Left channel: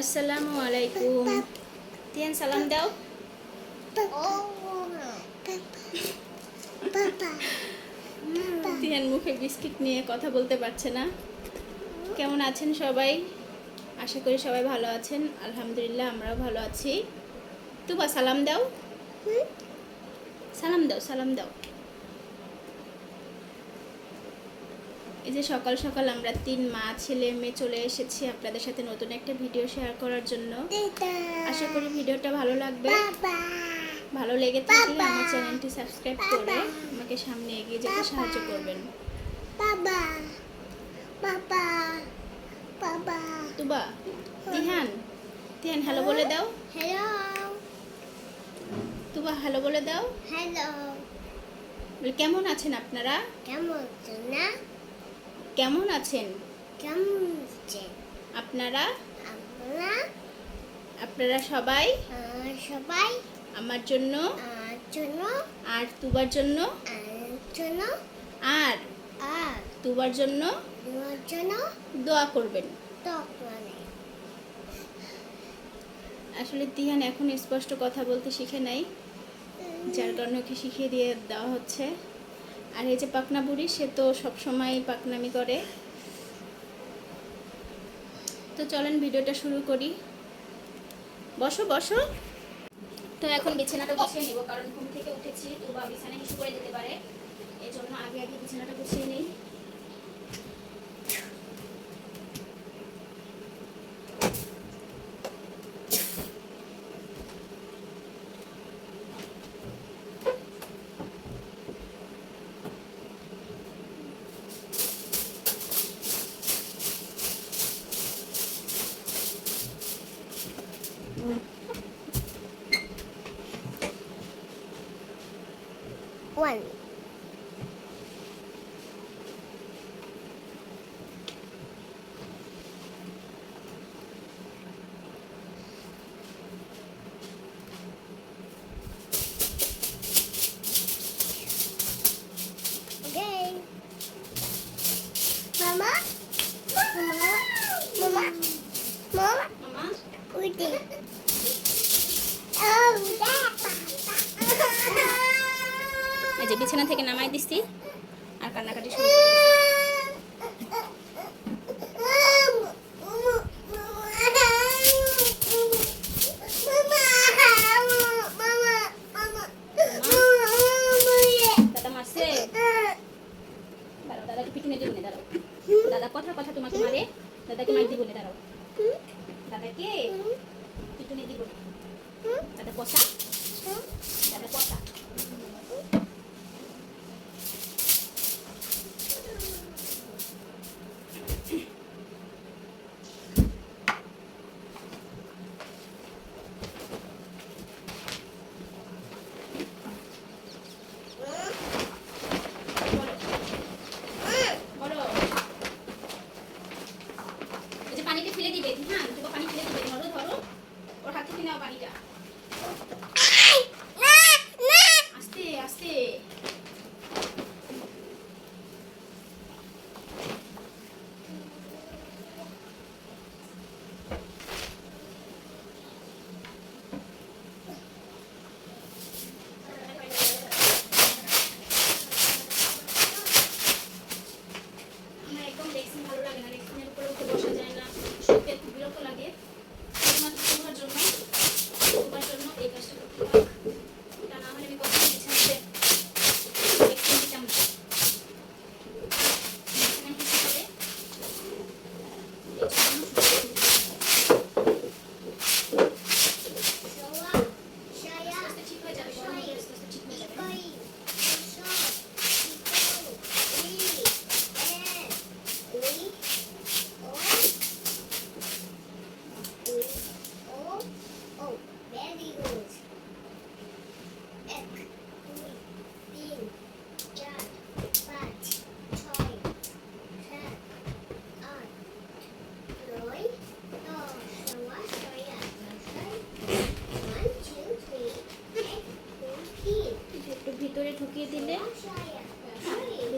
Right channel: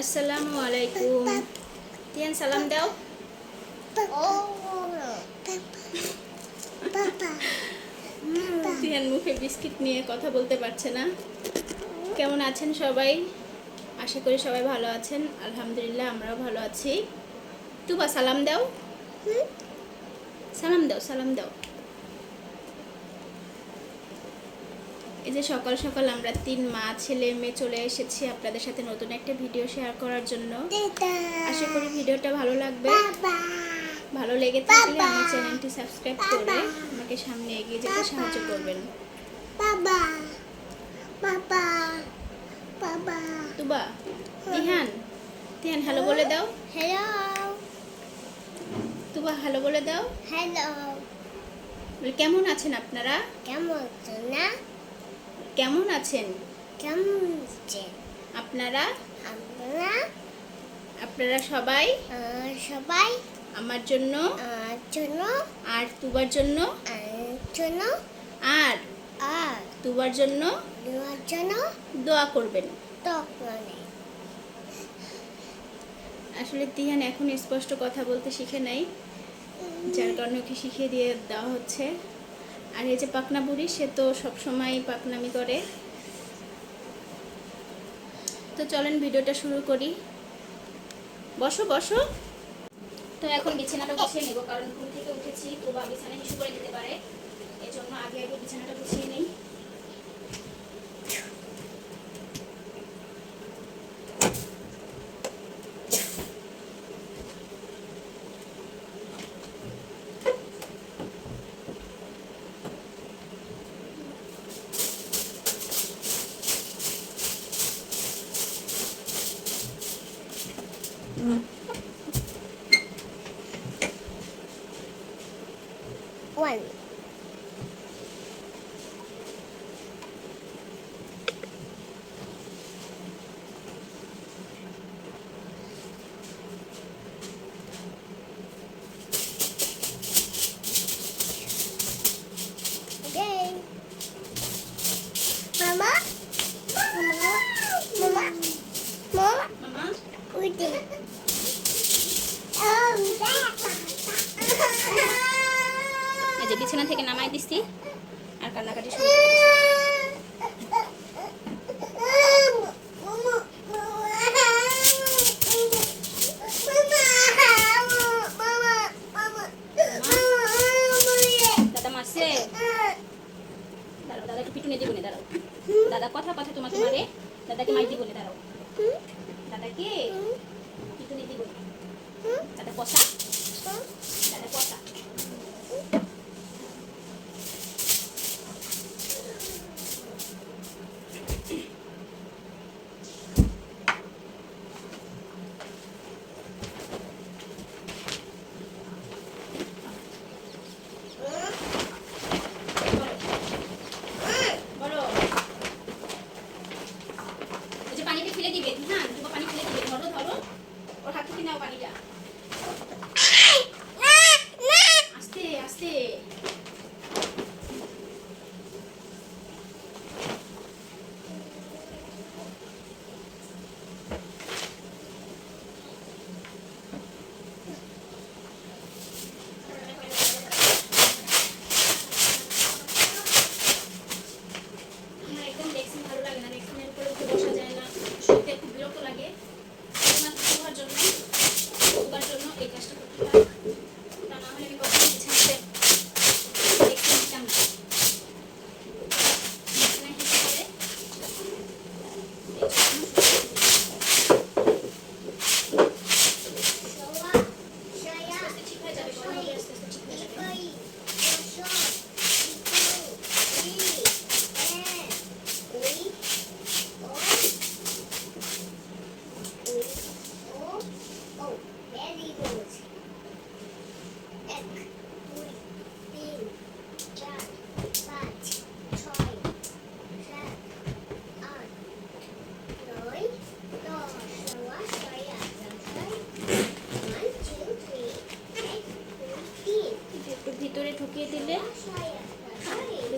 আসসালামু আলাইকুম। তিয়ান সালাম দাও। তিয়ান মুখে বিস্কিট নিয়ে কথা বলতে পারছে না। কেমন আছেন সবাই? আশা করি সবাই ভালো আছেন। আলহামদুলিল্লাহ আমরাও ভালো আছি। তুবা সালাম দাও। সালাম দাও, সালাম দাও। এই যে সকাল সকাল আমরা 3 মা ছেলে মেয়ে চলে এসেছি আপনাদের সাথে নতুন একটা ভিডিও শেয়ার করার জন্য। আশা করি ভিডিওটা ভালো লাগবে। ভালো লেগে থাকলে আমার চ্যানেলটি সাবস্ক্রাইব করে আমাকে সামনে এগিয়ে যেতে সাহায্য করবেন। বাবা বাবা বাবা তুবা, তিহান, তিহান হ্যালো বলে দাও। হ্যালো তুবা হ্যালো বলে দাও। হ্যালো কেমন আছেন আপনারা? কেমন আছেন না কেমন আছেন কেমন আছেন আপনারা? আপনারা আপনারা সবাই সবাই আমার জন্য জন্য আর তুবার জন্য জন্য আর তুবার জন্য তোমার জন্য দোয়া করবেন। তখন আসলে তিহান এখন স্পষ্ট কথা বলতে শিখে নাই, যার কারণে ওকে শিখিয়ে দিয়ে দেওয়া হচ্ছে। আর এই যে পাকনা বুড়ি, সে তো সবসময় পাকনামি করে। তো চলেন ভিডিওটা শুরু করি। বসো বসো। তো এখন বিছানাটা গুছিয়ে নেব, কারণ ঘুম থেকে উঠেছি তো বা বিছানা কিছু করে দিতে পারে, এই জন্য আগে আগে বিছানাটা গুছিয়ে নিই। one okay mama mama mama mama মামা udah এই যে বিছানা থেকে নামাই দিছি আর কান্নাকাটি শুরু করে দিছি। দাদা মারছে? দাঁড়াও, দাদাকে পিটুনি দিব না, দাঁড়াও। দাদা কথা কথা তোমাকে মারে, দাদাকে মার দিব না, দাঁড়াও। দাদাকে পিটুনি দিব না। দাদা কষা, দাদা কষা। বলো, এই যে পানিকে ফেলে দিবে, হ্যাঁ তোমার পানি ফেলে দিবে। ধরো ধরো, ওর হাত থেকে নাও পানিটা।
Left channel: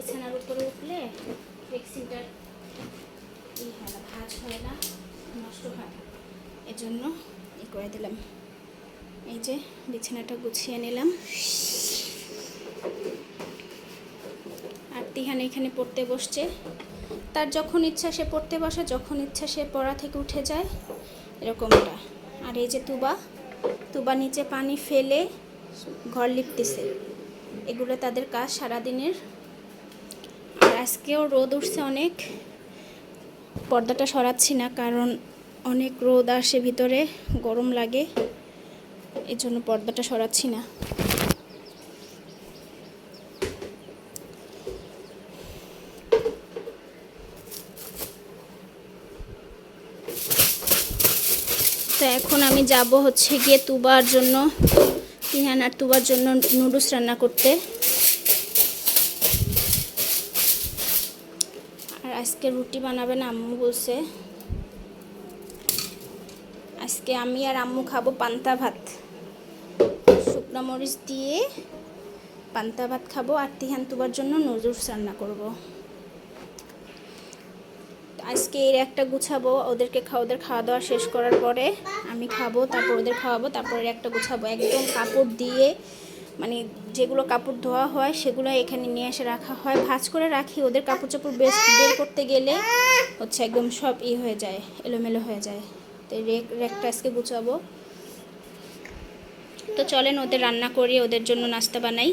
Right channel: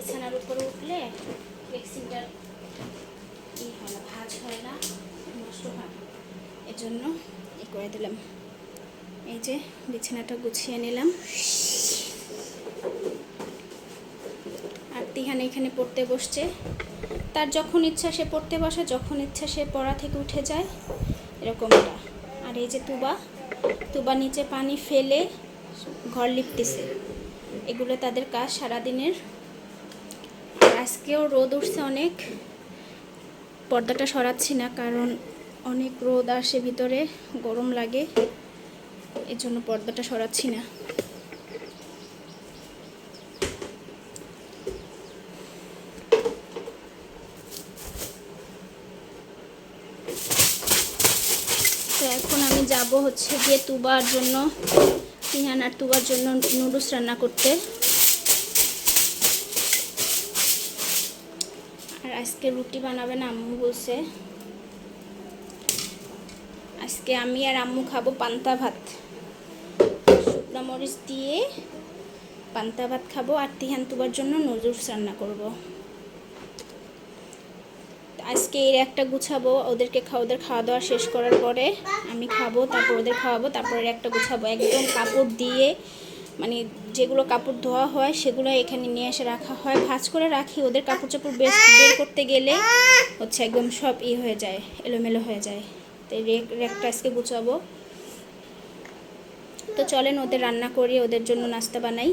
বিছানার উপরে উঠলে ভ্যাকসিনটার হয় না, ভাঁজ হয় না, নষ্ট হয় না, এজন্য করে দিলাম। এই যে বিছানাটা গুছিয়ে নিলাম। আর তিহান এখানে পড়তে বসছে। তার যখন ইচ্ছা সে পড়তে বসে, যখন ইচ্ছা সে পড়া থেকে উঠে যায়, এরকমটা। আর এই যে তুবা নিচে পানি ফেলে ঘর লিপতেছে। এগুলো তাদের কাজ সারাদিনের। আর আজকেও রোদ উঠছে অনেক। পর্দাটা সরাচ্ছি না কারণ অনেক রোদ আসে ভিতরে, গরম লাগে, এর জন্য পর্দাটা সরাচ্ছি না। তো এখন আমি যাব হচ্ছে গিয়ে তুবার জন্য, তিহান আর তুবার জন্য নুডলস রান্না করতে। আর আজকে রুটি বানাবেন আম্মু বলছে। আজকে আমি আর আম্মু খাবো পান্তা ভাত, শুকনো মরিচ দিয়ে পান্তা ভাত খাবো। আর তিহান তুবার জন্য নুডলস রান্না করব। আজকে এর একটা গুছাবো, ওদের খাওয়া দাওয়া শেষ করার পরে আমি খাবো, তারপর ওদের খাওয়াবো, তারপর এর একটা গুছাবো। একদম কাপড় দিয়ে, মানে যেগুলো কাপড় ধোয়া হয় সেগুলো এখানে নিয়ে এসে রাখা হয়, ভাঁজ করে রাখি। ওদের কাপড় চাপড় বের করতে গেলে হচ্ছে একদম সব হয়ে যায়, এলোমেলো হয়ে যায়। তো রেকটা আজকে গুছাবো। তো চলেন ওদের রান্না করি, ওদের জন্য নাস্তা বানাই।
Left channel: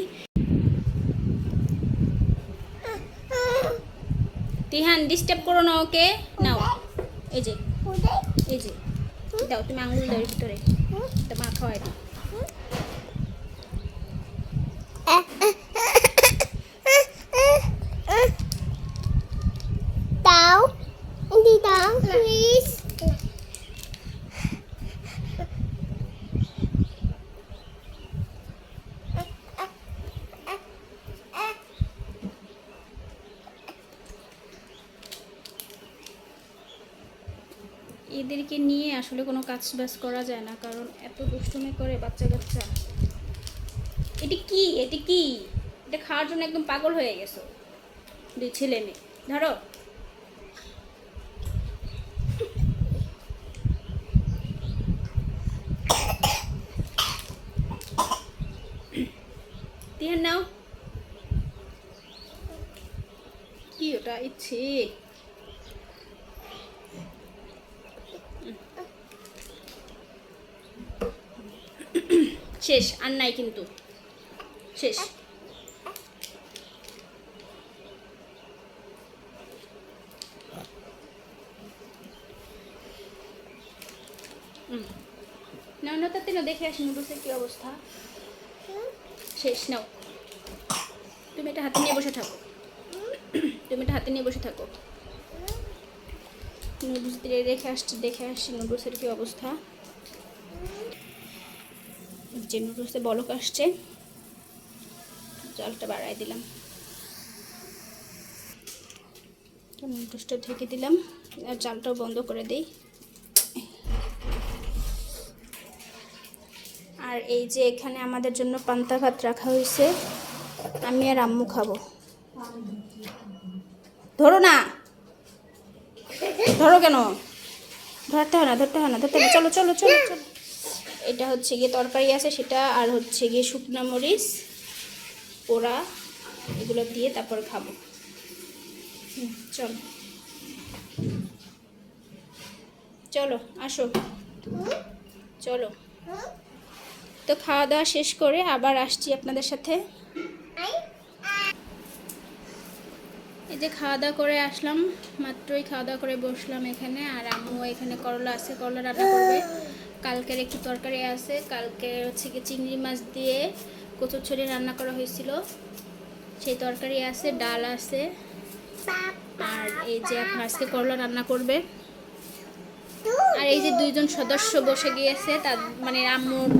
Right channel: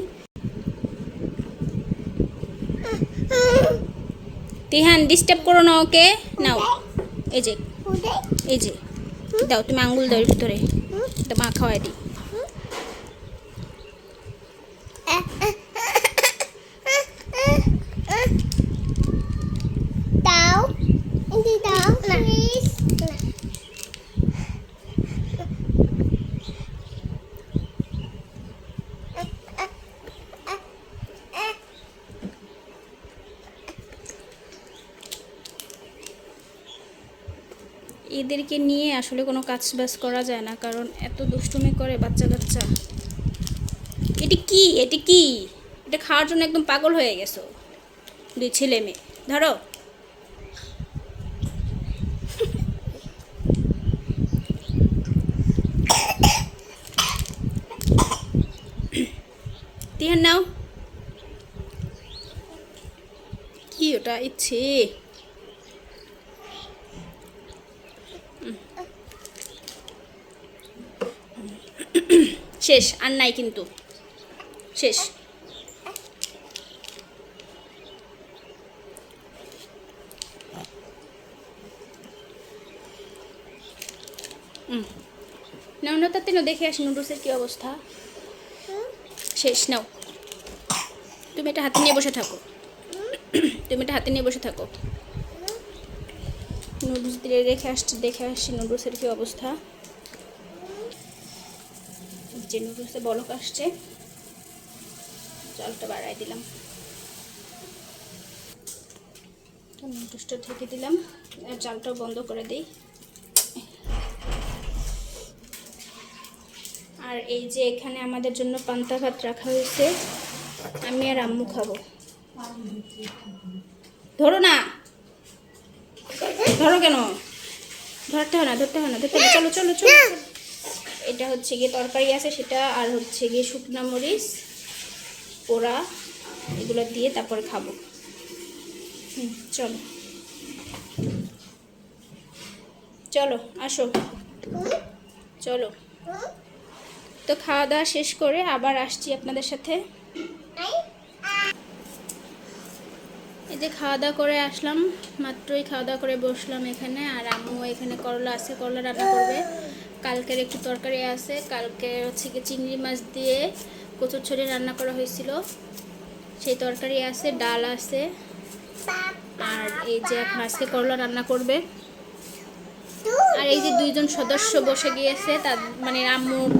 তিহান ডিস্টার্ব করো না ওকে। নাও এই যে দাও, তুমি আঙ্গুল দাও ভিতরে, তো মা খাওয়াই দিই। দাও প্লিজ। এদেরকে নিয়ে আসলে কোনো কাজ বাজ করা যায় না, কারণ এত দুষ্টুমি করে বাচ্চা কাচ্চা। এটি কি এটা খাওয়ার জন্য একদম পাগল হয়ে গেছো দুই ছেলে মেয়ে। ধরো তিহান নাও। কি ওটা ইচ্ছে শেষ, আর নাই কিন্তু, শেষ। নাও তাতে না, দেখে আসি নুডলসের কি অবস্থা। শেষ, নাও। তুমি এটা হাতে নিয়ে বসে থাকো, নুডলস দিয়ে দেখে আসছি নুডলসের কি অবস্থা। যে নুডলসে বলক আসছে, জলটা বাড়াই দিলাম, নুডলসটা ঢেকে দিলাম, আর জালটাও বন্ধ করে দিই। আর এই যে এখানে আমাদের জন্য পান্তা ভাত রাখা হয়েছে, আমি আর আম্মু খাবো। ধরো না, ধরো কেন, ধরতে হয় না, চলো। এটা হচ্ছে গিয়ে তরকারি আছে সেটা, আর হচ্ছে গিয়ে শুকনো মরিচ পোড়া, এগুলো দিয়ে তারপরে খাবো। চলো আসো, চলো। তো খাওয়া দাওয়া শেষ করে আবার আসছি আপনাদের সাথে। এই যে খাওয়া দাওয়া করে আসলাম, মাত্রই খাওয়া দাওয়া করে বসলাম এখানে। আর আম্মু এখানে করলা আছে, করলা রান্না করবে। কালকের একটু তরকারি আছে, কালকে হচ্ছে কি চিংড়ি মাছ দিয়ে কচুরছড়ি রান্না করা হয়েছিল, সেই তরকারি আছে, ডাল আছে। আর এই যে এখন আজকে করলা রান্না করবে। আর এই যে দুইজন সদস্য বসে গিয়েছে, তার মানে আম্মুর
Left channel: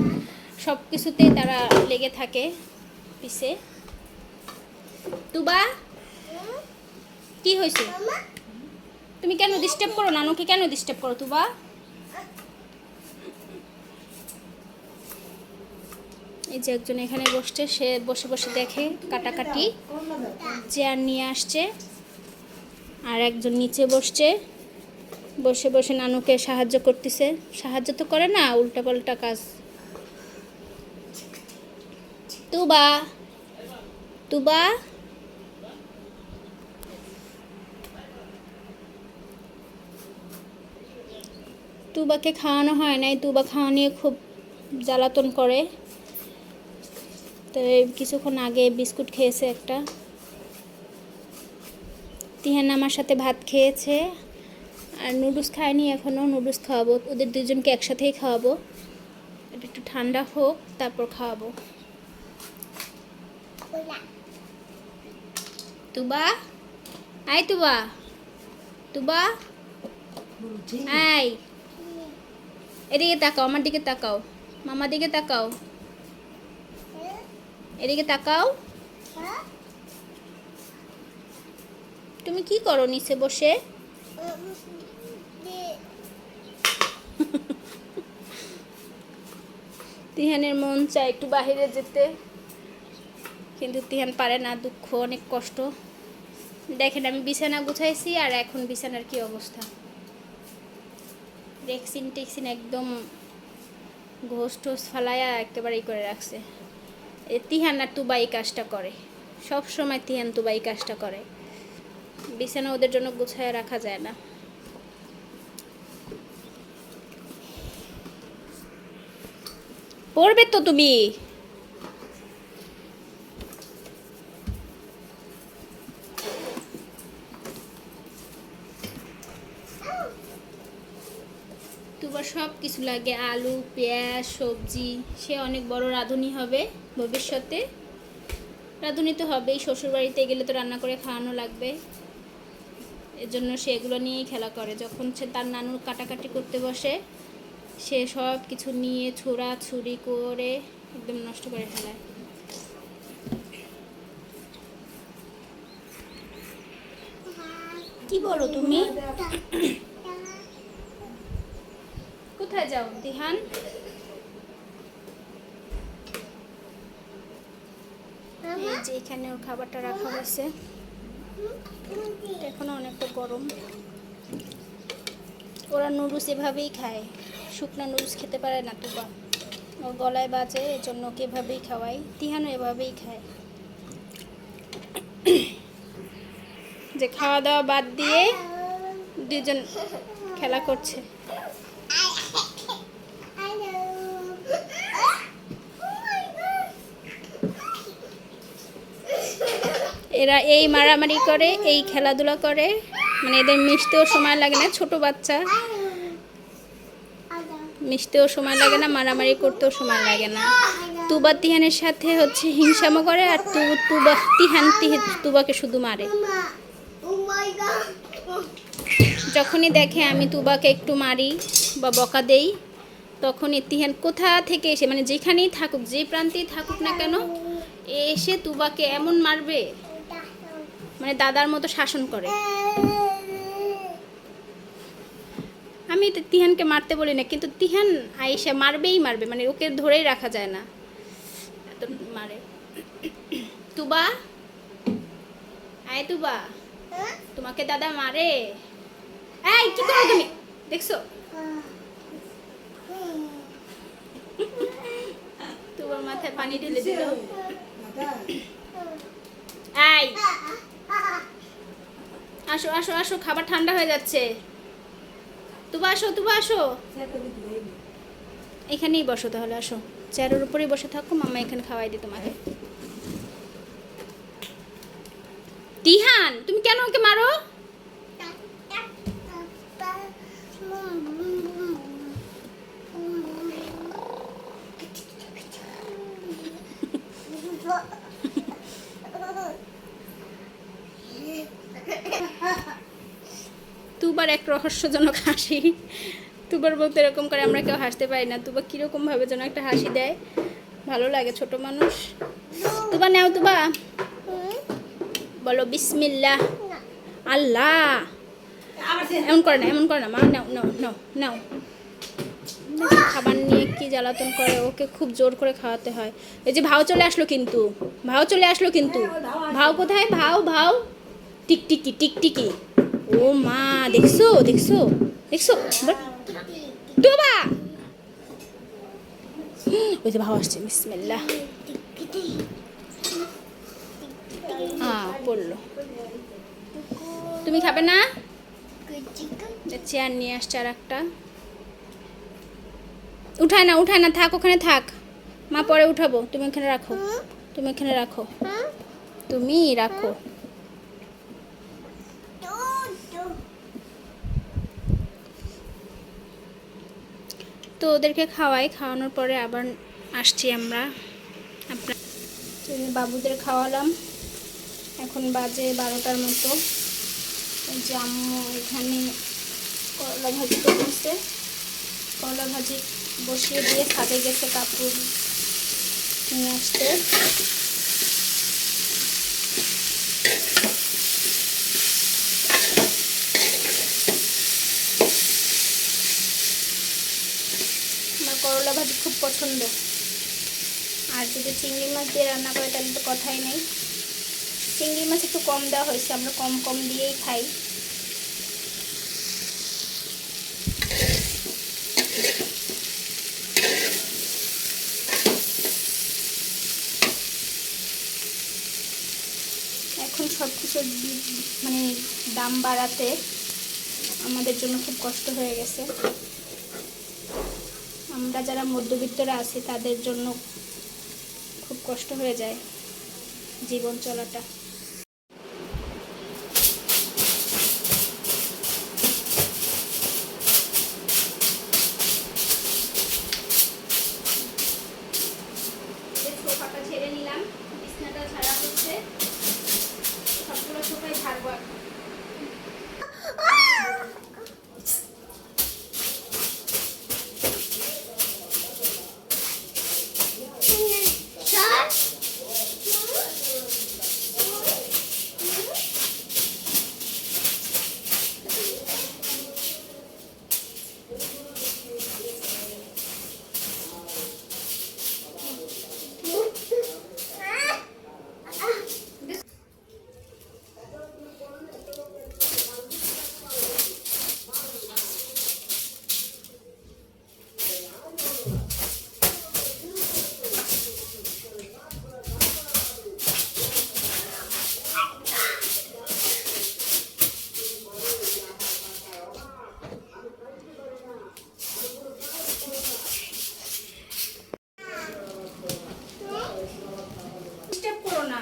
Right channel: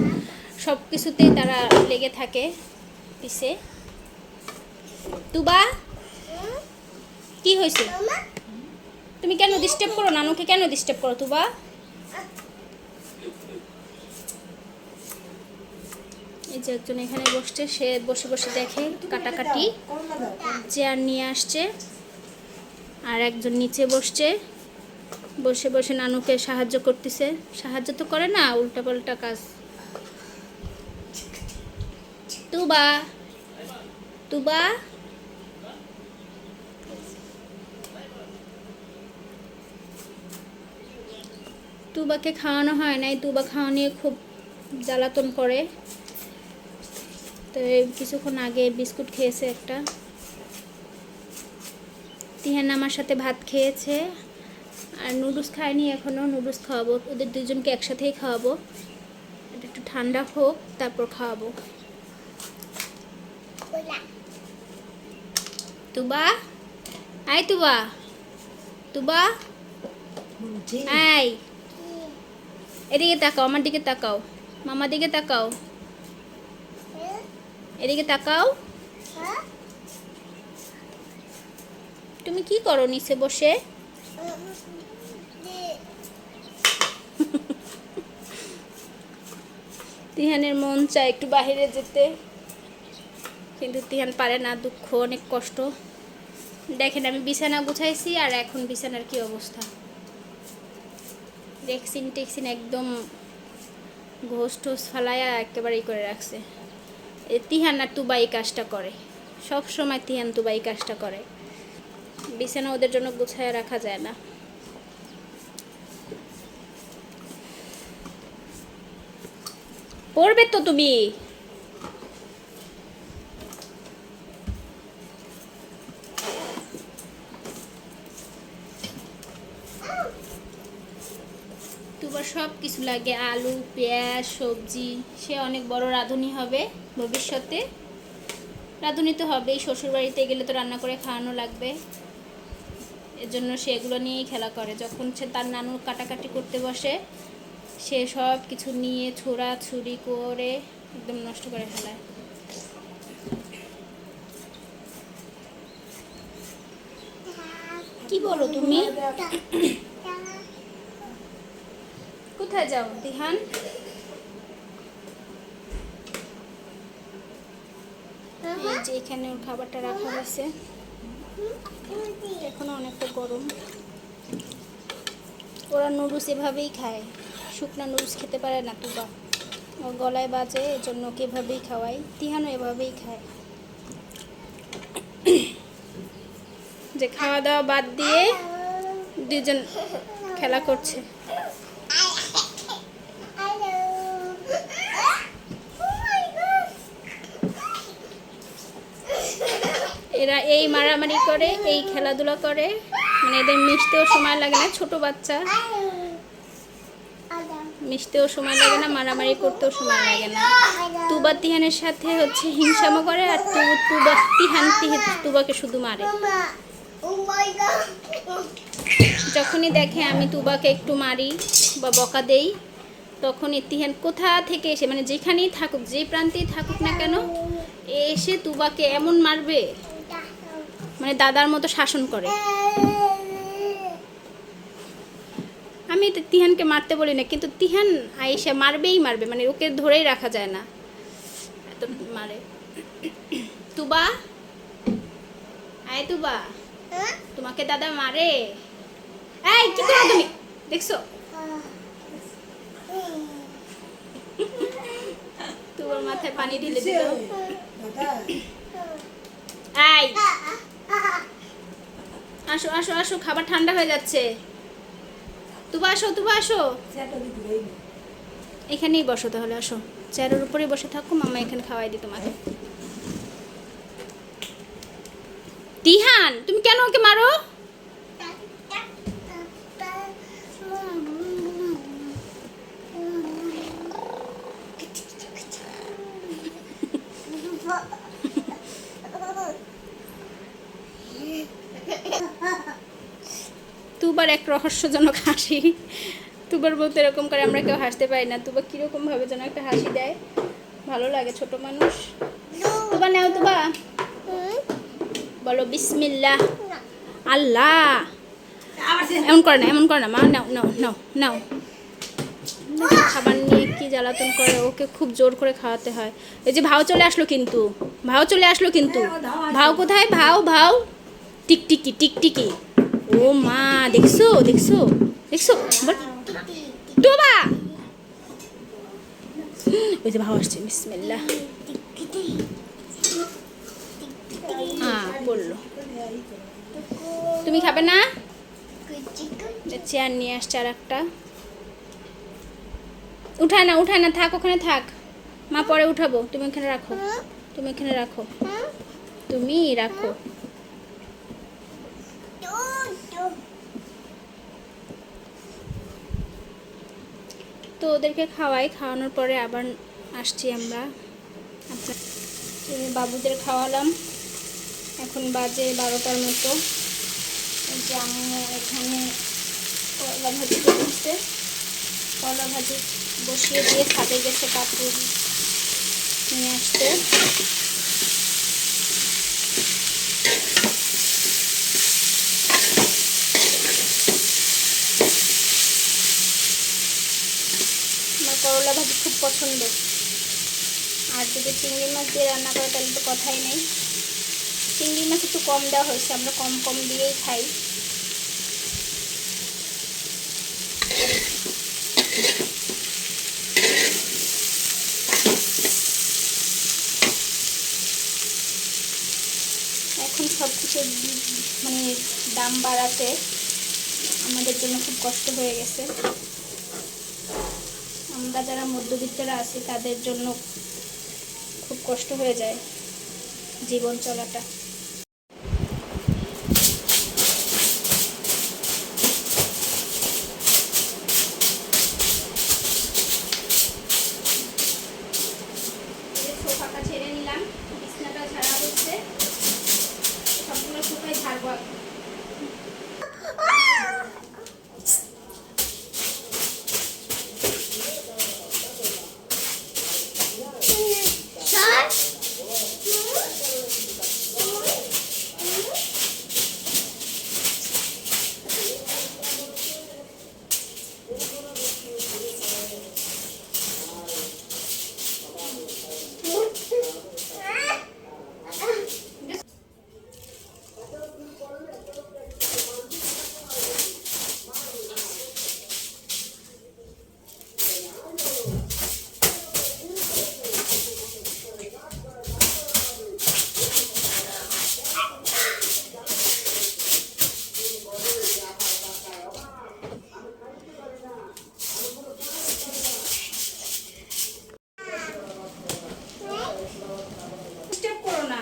সব কিছুতেই তারা লেগে থাকে পিছে। তুবা কি হয়েছে? তুমি কেন ডিস্টার্ব করো? নানুকে কেন ডিস্টার্ব করো তুবা? এই যে একজন এখানে বসছে, সে বসে বসে দেখে কাটাকাটি, চেয়ার নিয়ে আসছে। আর একজন নিচে বসছে, বসে বসে নানুকে সাহায্য করতেছে। সাহায্য তো করে না, উল্টাপাল্টা কাজ। তুবা, তুবা, তুবাকে খাওয়ানো হয় নাই, তুবা খাওয়া নিয়ে খুব জ্বালাতন করে। তো এই কিছুক্ষণ আগে বিস্কুট খেয়েছে একটা। তিহান আমার সাথে ভাত খেয়েছে, আর নুডলস খায়নি এখনও। নুডলস খাওয়াবো, ওদের দুজনকে একসাথেই খাওয়াবো। এটা একটু ঠান্ডা হোক, তারপর খাওয়াবো। তুবা, আয় তুবা, তুবা, আয়, এদিকে তাকাও, আমার দিকে তাকাও, মামার দিকে তাকাও, এদিকে তাকাও। তুমি কি করো নিচে বসে? তিহানের মন চায় একটু বাইরে যেতে, কিন্তু তিহান পারে না। দুঃখ, অনেক কষ্ট। দেখেন আমি বিছানা গুছাইছি, আর এখন বিছানার কি অবস্থা। রেক্সিন টেক্সিন একদম ঘোষ টোস ফালাইয়া একেবারেই করে রাখছে। এই তিহান আর তুবা এই কাজটা করে সব সময়। তিহান তুবা এই কাজটা করে। বিছানা ওদের জন্য গুছাইয়া রাখা যায় না। পড়বে তো তুমি। তুবার সব কিছু লাগে, আলু, পেঁয়াজ, সবজি। সে অনেক বড় রাঁধুনি হবে ভবিষ্যতে। রাঁধুনি তো হবেই, শ্বশুরবাড়িতে গেলে তো রান্না করে খাওয়ানো লাগবে। এর জন্য সে এগুলো নিয়েই খেলা করে। যখন সে তার নানুর কাটাকাটি করতে বসে, সে সব কিছু নিয়ে ছোড়াছুড়ি করে একদম নষ্ট করে ফেলায়। কি বলো তুমি? কোথায় যাও দিহান? এই যে এখানে ওর খাবারটা রাখা হয়েছে। এখনো অনেকটা গরম। ওরা নুডলস এভাবেই খায়, শুকনা নুডলস খেতে পারে না তুবা। ওর গলায় বাজে, এজন্য ওকে এভাবেই খাওয়াই। তিহানও এভাবেই খায়। যে খাওয়া দাওয়া বাদ দিয়ে দুজন খেলা করছে। এরা এই মারামারি করে, এই খেলাধুলা করে, মানে এদের মিশতেও সময় লাগে না। ছোট বাচ্চা, মিশতেও সময় লাগে না, মারামারি করতেও সময় লাগে না। তুবা তিহানের সাথে হচ্ছে হিংসামো করে, আর তুবা তিহান তুবাকে শুধু মারে। যখনই দেখে আমি তুবাকে একটু মারি বা বকা দেই, তখন তিহান কোথা থেকে এসে, মানে যেখানেই থাকুক, যে প্রান্তেই থাকুক না কেন, এসে তুবাকে এমন মারবে, মানে দাদার মতো শাসন করে। আমি তিহানকে মারতে বলি না, কিন্তু তিহান আয়েশা মারবেই মারবে, মানে ওকে ধরেই রাখা যায় না, এত মারে। তুবা, আয় তুবা, তোমাকে দাদা মারে। এই কি করো তুমি? দেখছো তুবার মাথায় পানি ঢেলে দিল। এই আসো আসো আসো, খাবার ঠান্ডা হয়ে যাচ্ছে। তুবা আসো, তুবা আসো, এখানেই বসো তাহলে। আসো, চেয়ারের উপরেই বসে থাকো, মামা এখানে খাওয়াই দিই তোমাকে। তিহান, তুমি কেন ওকে মারো? তুবার এক রহস্যজনক হাসি। তুবার বলতে এরকম করে, আমরা কেউ হাসতে পারি না। তুবা কিরকম ভাবে যেন একটা হাসি দেয়, ভালো লাগে। ছোট মানুষ। তুবা নাও, তুবা বলো বিসমিল্লাহ। আল্লাহ, এমন করে না, এমন করে না মা। নাও নাও নাও নাও খাবার নিয়ে কি জ্বালাতন করে, ওকে খুব জোর করে খাওয়াতে হয়। এই যে ভাও চলে আসলো কিন্তু, ভাও চলে আসলো কিন্তু। ভাও কোথায়? ভাও ভাও টিকটিকি টিকটিকি। ও মা, দেখছো দেখছো দেখছো? তোবা, ওই যে ভাও আসছে। বিসমিল্লাহ। পড়লো। তুমি খাবে না? চেয়ার নিয়ে আসছে আর একটা। উঠায় না, থাক ওখানে থাক, মা পরে উঠাবো। তুমি ওখানে রাখো, তুমি ওখানে রাখো, তুমি রাখো। তো ওদেরকে খাওয়ানোর পরে আবার আসছি আমরা। আপনার বাবুদের খাওয়ালাম, এখন বাজে 12টার মতো। এই যে আম্মু এখানে করলা ভাজি করছে, করলা ভাজি বসিয়ে দিয়ে ছাদে গেছে কাপড় নিয়ে আসতে। আমার করলা ভাজি খুব পছন্দ, আর যদি চিংড়ি মাছ দিয়ে রান্না করে তাহলে তো কথাই নেই। চিংড়ি মাছ একটু কম দেওয়া হয়েছে, আমরা কম কম দিয়েই খাই। এখন সব কিছু মানে দাম বাড়াতে আমাদের জন্য খুব কষ্ট হয়ে গেছে। আমরা যারা মধ্যবিত্তরা আছে তাদের জন্য খুব কষ্ট হয়ে যায় জীবন চলাটা। সোফাটা ছেড়ে নিলাম, বিছানাটা ঝাড়া হচ্ছে, সবগুলো সোফায় ঝাড়বো। ডিস্টার্ব করো না।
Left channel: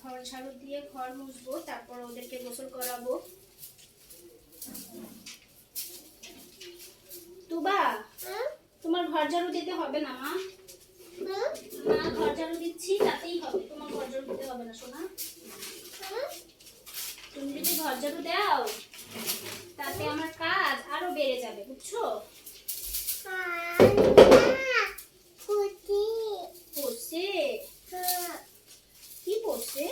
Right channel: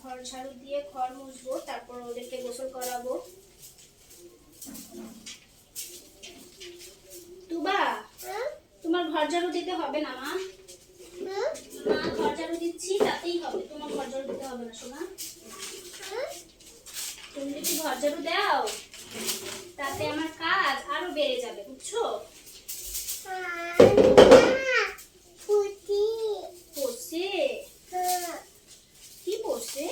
ঘর ঝাড়ু দিয়ে ঘর মুছবো, তারপর ওদেরকে গোসল করাবো। তুবা, তোমার ঘর ঝাড়ু দিতে হবে না মা? মা ঘর ঝাড়ু দিচ্ছি, তাতেই হবে, তোমার ঘর ঝাড়ু দিতে হবে না সোনা। তুমি যদি ঘর ঝাড়ু দাও তাতে আমার কাজ আরো বেড়ে যাবে, বুঝছো? পড়ছে? কি পড়ছে?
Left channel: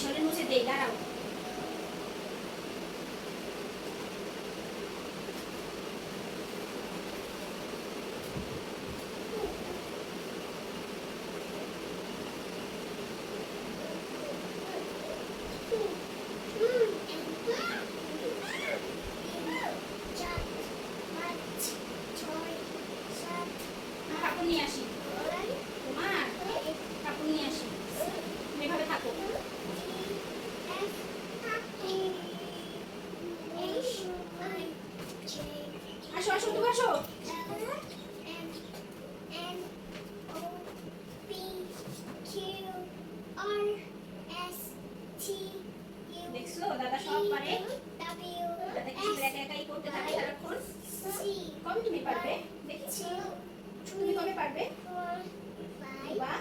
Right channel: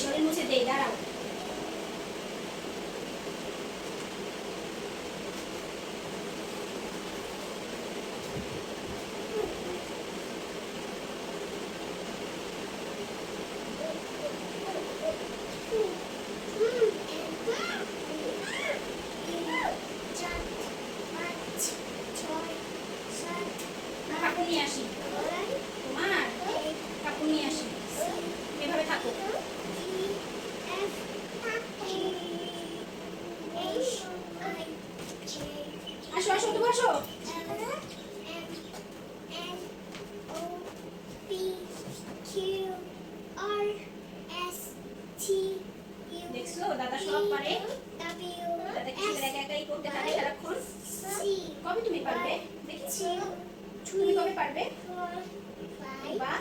শরীর মুছে দেই, দাঁড়াও। কাপড় নিয়ে আসি, তোমার কাপড় নিয়ে আসি, তুমি এভাবে থাকো। আসো আসো, তুমি আসো। দেখছো দাদা সব পারে, দাদা কি একা একাই করতে থাকে সারাক্ষণ। কবে তুমি পারবে দেখি, তুমি কবে পারবে? বা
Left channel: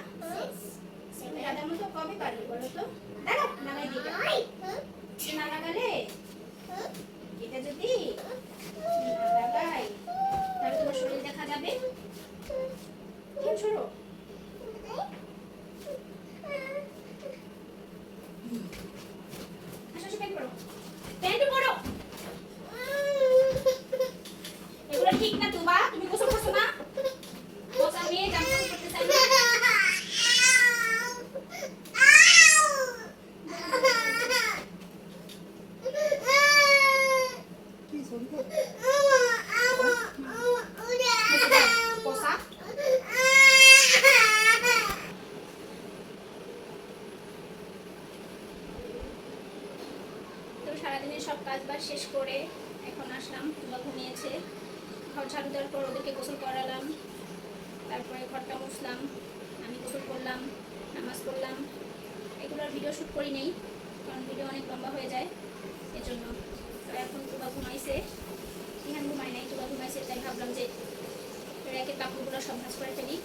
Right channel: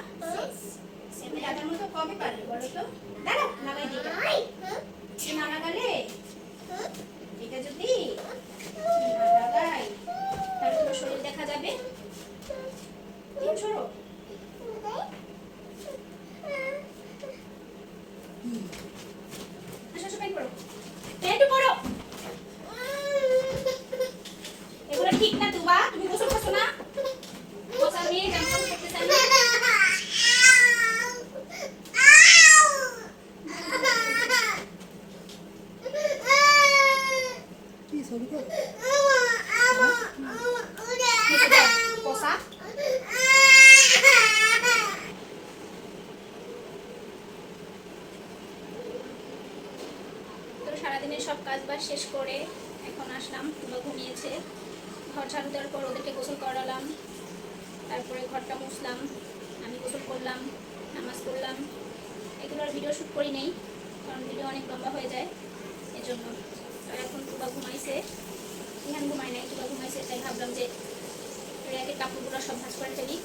তুমি দাদার মতো কবে পারবে বলো তো? দাঁড়াও, লাগাই দিই এটা। না লাগালে, এটা যদি না লাগাই তাহলে তোমার শরীর দেখা যাবে। তুমি সরো। আসো আসো, প্যান্ট পরো, প্যান্ট পরো। এগুলো ঠিক না তুবা, তুমি গোসল করছো না? গোসল নিয়ে জামা করতে চাই না। পোষা তো সারাদিনের সব কাজ বাজ শেষ করে এখন আসলাম। তুবা ঘুমিয়েছে, ঘর ঝাড়ু দেওয়ার পর ওদেরকে গোসল করালাম, তারপরে ঘরটা মুছলাম, আমি গোসল করলাম, নামাজ পড়লাম। এগুলোর ভিডিও শ্যুট করি নেই কারণ ভিডিও অনেক লম্বা হয়ে যায় এজন্য। তো এখন তুবা ঘুমাইছে, ইহান ঘুমাই নাই, তুবা ঘুমাইছে, তাই ভাবলাম যে র্যাকের কাপড়গুলো সব ভাঁজ করে ফেলি।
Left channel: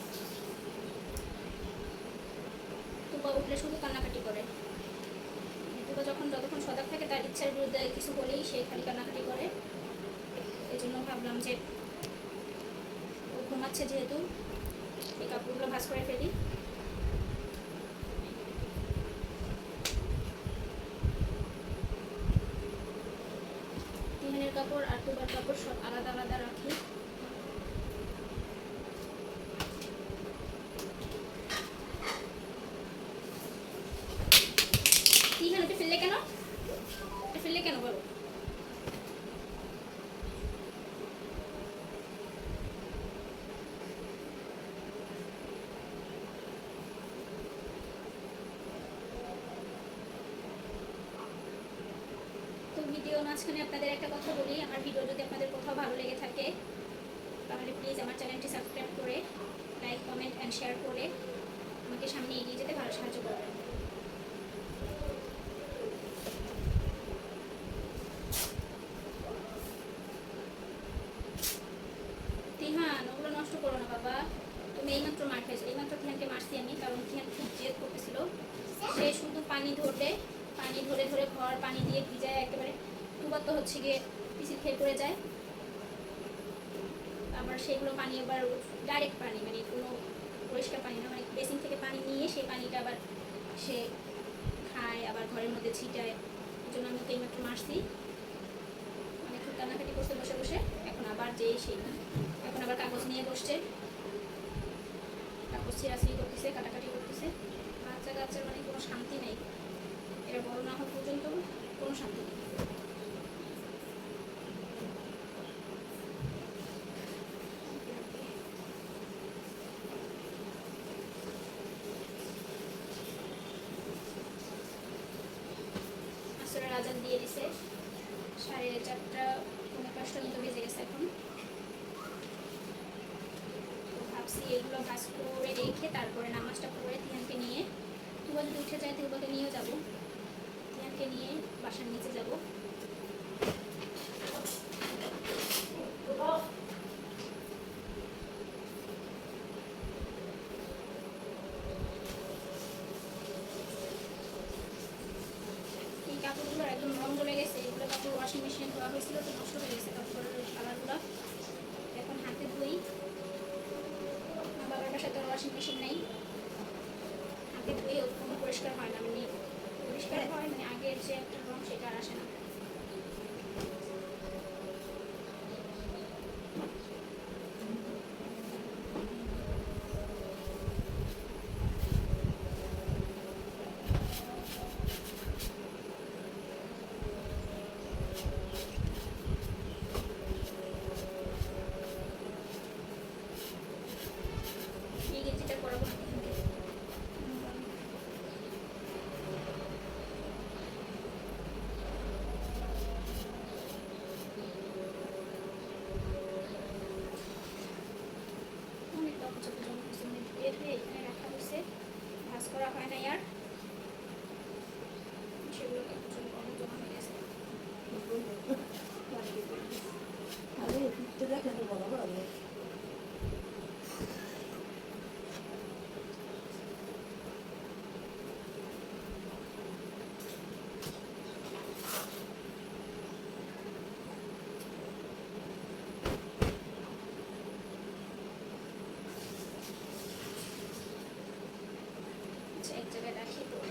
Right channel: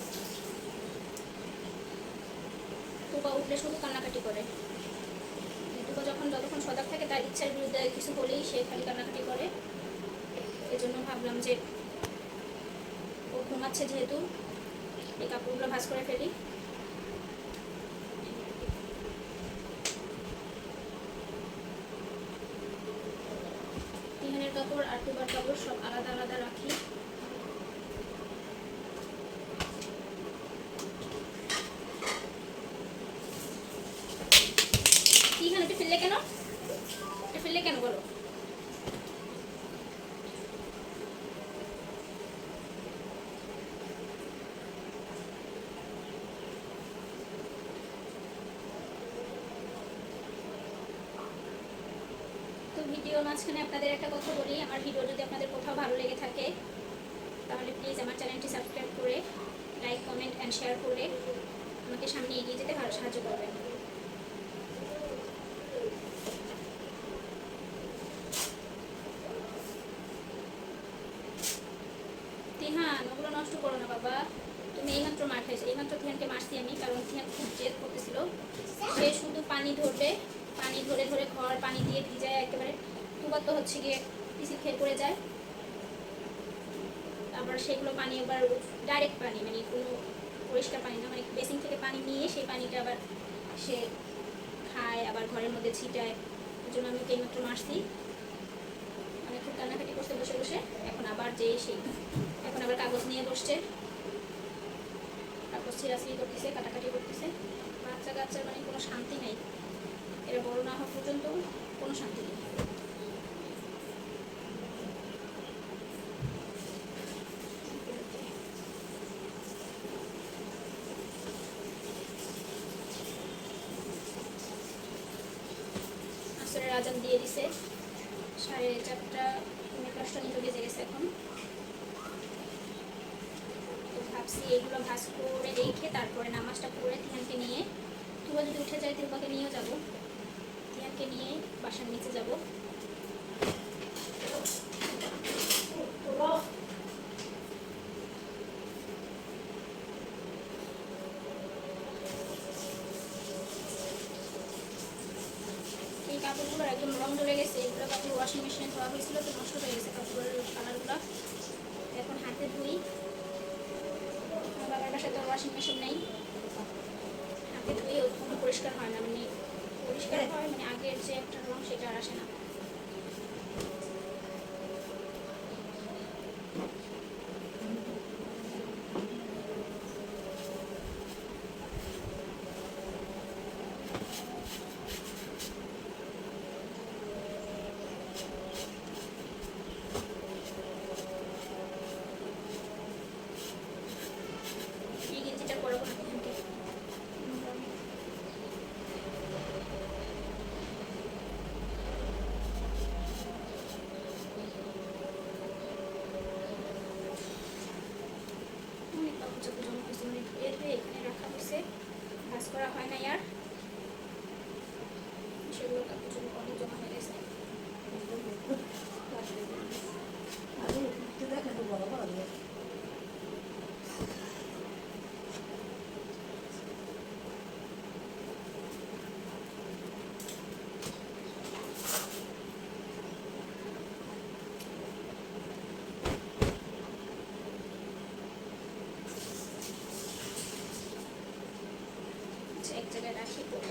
তুবা উঠলে শুধু কান্নাকাটি করে। তুবা যতক্ষণ সজাগ থাকে তার ইচ্ছার বিরুদ্ধে কিছু হলেই সে খালি কান্নাকাটি করে। এজন্য ভাবলাম যে ও ঘুমাচ্ছে যেহেতু এই কাপড়গুলো ভাঁজ করে ফেলি। তিহানের কাপড় আর তুবার কাপড় সব আলাদা আলাদা রাখি। তিহান এটা ফেললে কেন? এটা ফেললে কেন বলো? ভিডিওর মাঝখানে আপনাদের একটা কথা বলি, আমার ভিডিও যদি আপনাদের কোথাও ভালো লেগে থাকে তাহলে প্লিজ আমার চ্যানেলটি সাবস্ক্রাইব করে লাইক কমেন্ট অ্যান্ড শেয়ার করে আমাকে সামনে এগিয়ে যেতে ভালো সাহায্য করবেন। তিহান ওগুলো নষ্ট করো না বাবা, তুমি এইমাত্র মার খাইছো। এইমাত্র তিহানকে মারছি আমি, কারণ তিহান খুব জেদ করতেছিল। সে শুধু পানি ধরবে, পানি ধরে ধরে ঘর পানি দিয়ে ভিজায় একেবারে। তুবার তো হচ্ছে গিয়ে পিসির খেয়ে পড়ে যায়, আবার সেগুলো পানি আবার ডাইরেক্ট পানি, মানে কোনো পরিষ্কার পানি না, মানে বেসিন থেকে পানি নিয়ে সেই পানিটা আবার সে খায়, আবার ঘরের মধ্যে ছিটায়। এই জন্য আমি ওকে এইমাত্র মারছি। অনেক খুব কান্নাকাটি করতে বসে বসে। এখন আবার এখন আবার কাগজ নিয়ে বসছে, কাগজ ছিঁড়াছিঁড়ি করতেছে, কাটাকাটি করতেছে। বাচ্চা কাচ্চার মানে কোনো শান্তি নেই, এরা বড় না হওয়া পর্যন্ত কোনো শান্তি নেই। আসরের আজান দিয়ে দিছে, 4:30 মতো বেজে গেছে এখন। তো ভাবছি এইগুলো ভাজ করে রেখে তারপরে নামাজটা পড়ে তিহানকে নিয়ে, তুবা যদি উঠে যায় তুবাকে নিয়েও যাবো, তিহানকে নিয়ে বাসার নিচে যাব। এই কাপড়গুলো একদম রং ধরে গেছে, এগুলো কাপড় ওয়াশিং মেশিনে ধোয়া হয়েছিল তো নষ্ট হয়ে গেছে কাপড়ের কালারগুলো। এখন হাতে ধুই, বাবার বাসায় তো ওয়াশিং মেশিন নেই, হাতে ধুয়ে কোনো পরিষ্কার হয় না, মানে পরিষ্কার হয়, মানে আগের যে একটা রং সেটা আর আসে না। এই গেঞ্জিটা পরাবো না এখানকে। অনেক কাপড় চোপড় জমা হয়েছে, অনেক ধুয়ে ধুয়ে এখানে রাখা হয়েছে, ভাঁজ করা হয় না আর, সেগুলো কাপড় চোপড় অনেক জমা হয়ে গেছে। আচ্ছা, এক জায়গায় রাখি পরে।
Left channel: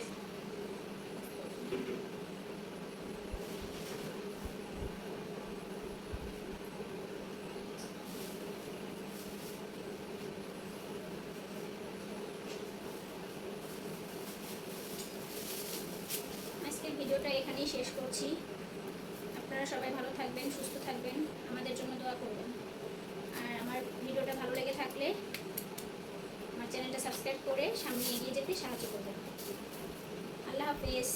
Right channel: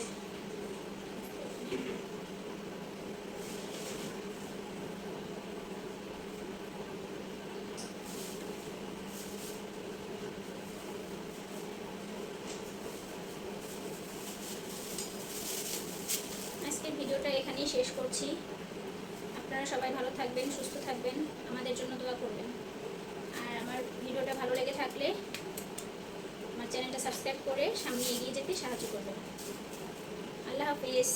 আজকের ভিডিওটা এখানেই শেষ করছি। আপনারা সবাই ভালো থাকবেন, সুস্থ থাকবেন, আমাদের জন্য দোয়া করবেন। আর আমার ভিডিওটা ভালো লেগে থাকলে আমার চ্যানেলটা সাবস্ক্রাইব করে সামনে এগিয়ে যেতে সাহায্য করবেন। আল্লাহ হাফিজ।